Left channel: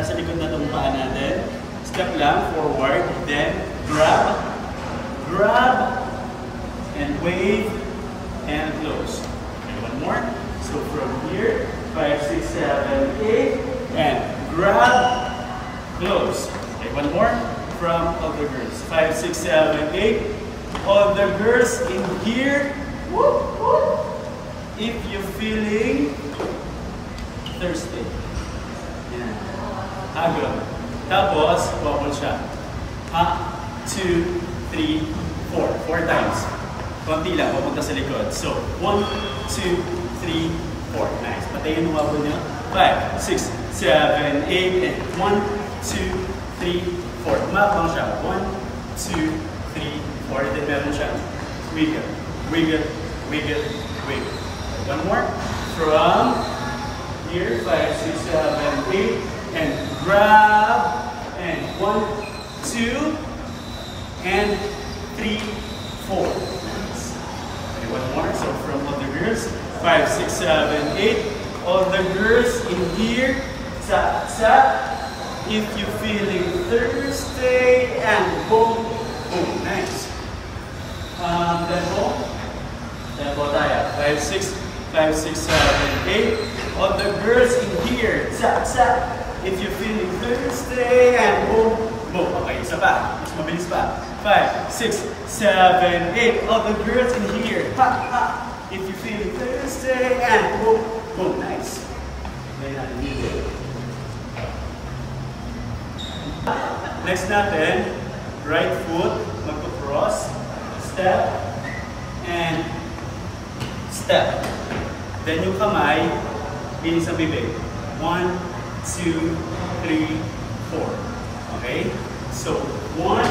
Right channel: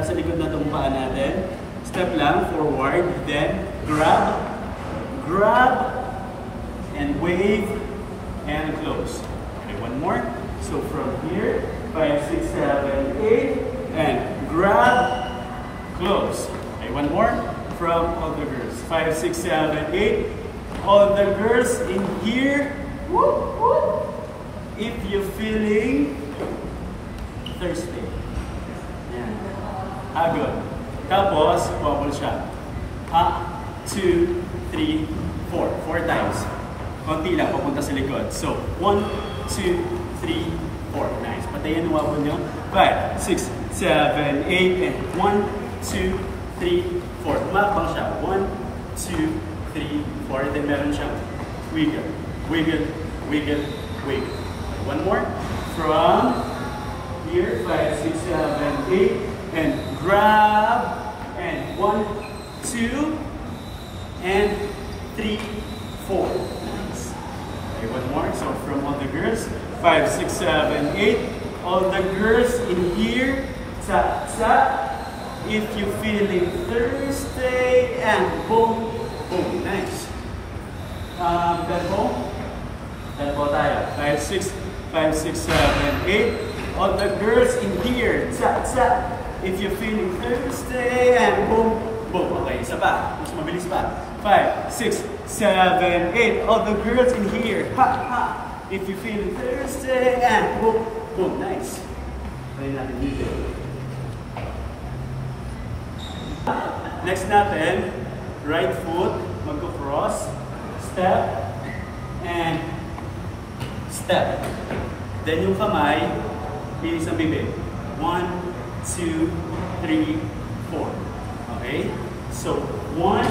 nasa likod na itong paa natin. Step lang, forward, then grab, and wave, and close. Okay, one more. So from here, 5, 6, 7, 8, and grab, close. Okay, one more. From all the girls. 5, 6, 7, 8. All the girls in here. If you're feeling thirsty. Yan. Good. Tapos, wobble siya. 2, 3, 4. 4 times. Konti lang, papunta sa likod. So, 1, 2, 3, 4. Nice. Patayin ang wobble nyo. 5, 6, 7, 8, and 1, 2, 3, 4. Makapang siya. 1, 2, 3, 4. Then meron siyang wiggle, wiggle, wiggle, wiggle. One more. From here, 5, 6, 7, 8, and grab, and 1, 2, and 3, 4. Nice. Okay, one more. So from all the girls, 5, 6, 7, 8. All the girls in here, tap, tap. If you're feeling thirsty, and boom, boom. Nice. Level tayo. 5, 6, 7, 8. All the girls in here, tap, tap. If you're feeling thirsty, and boom, boom. Okay, isa pa. Mas mabilis pa. 5, 6, 7, 8. All the girls in here, ha, ha. If you're feeling thirsty, and boom, boom. Nice. Next natin, right foot, magko-cross, step, and step. Then yung kamay, binis ang bibig. 1, 2, 3, 4. Okay? So, 1,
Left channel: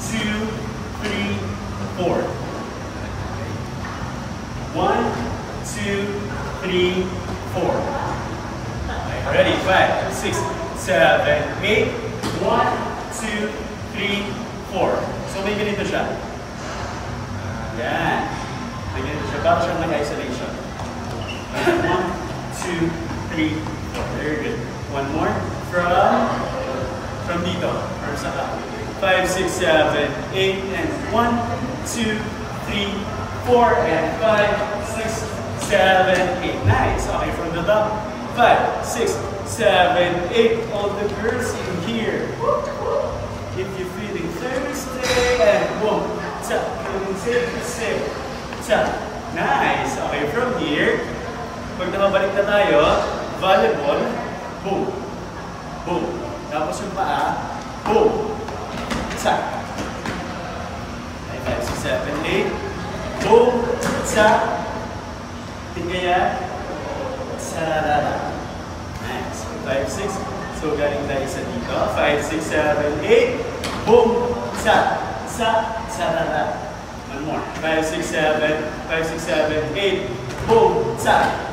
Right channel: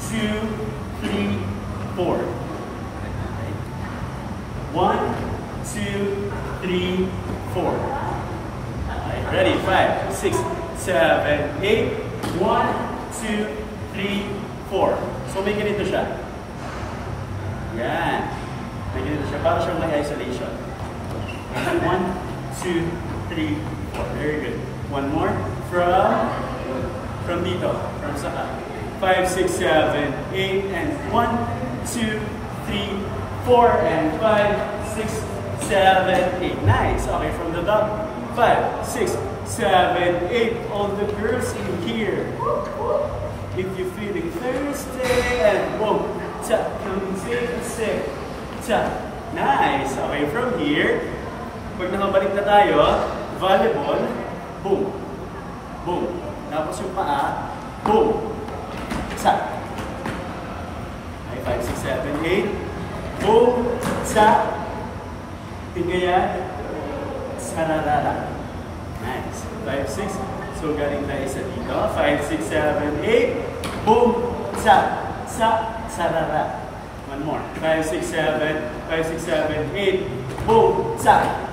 2, 3, 4. 1, 2, 3, 4. Okay, ready? 5, 6, 7, 8. 1, 2, 3, 4. So may ganito siya. Yan. May ganito siya. Para siyang may isolation. 1, 2, 3, 4. Very good. One more. From dito. From saka. 5, 6, 7, 8, and 1, 2, 3, 4, and 5, 6, 7, 8. Nice. Okay, from the top. 5, 6, 7, 8. All the girls in here. If you're feeling thirsty, and boom. Tap, sit. Tap. Nice. Okay, from here, pag nakabalik na tayo, volleyball, boom. Boom. Tapos yung paa, boom. Tap. Okay, 5, 6, 7, 8. Boom. Tap. Tingaya. Sararara. Nice. 5, 6. So, galing tayo sa dito. 5, 6, 7, 8. Boom! Sarara. One more. 5, 6, 7. 5, 6, 7, 8. Boom!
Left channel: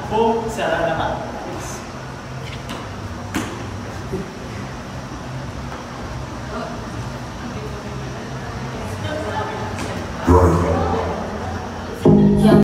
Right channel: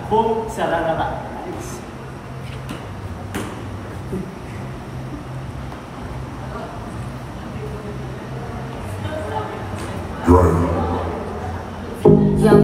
Boom! Sarara. Yes.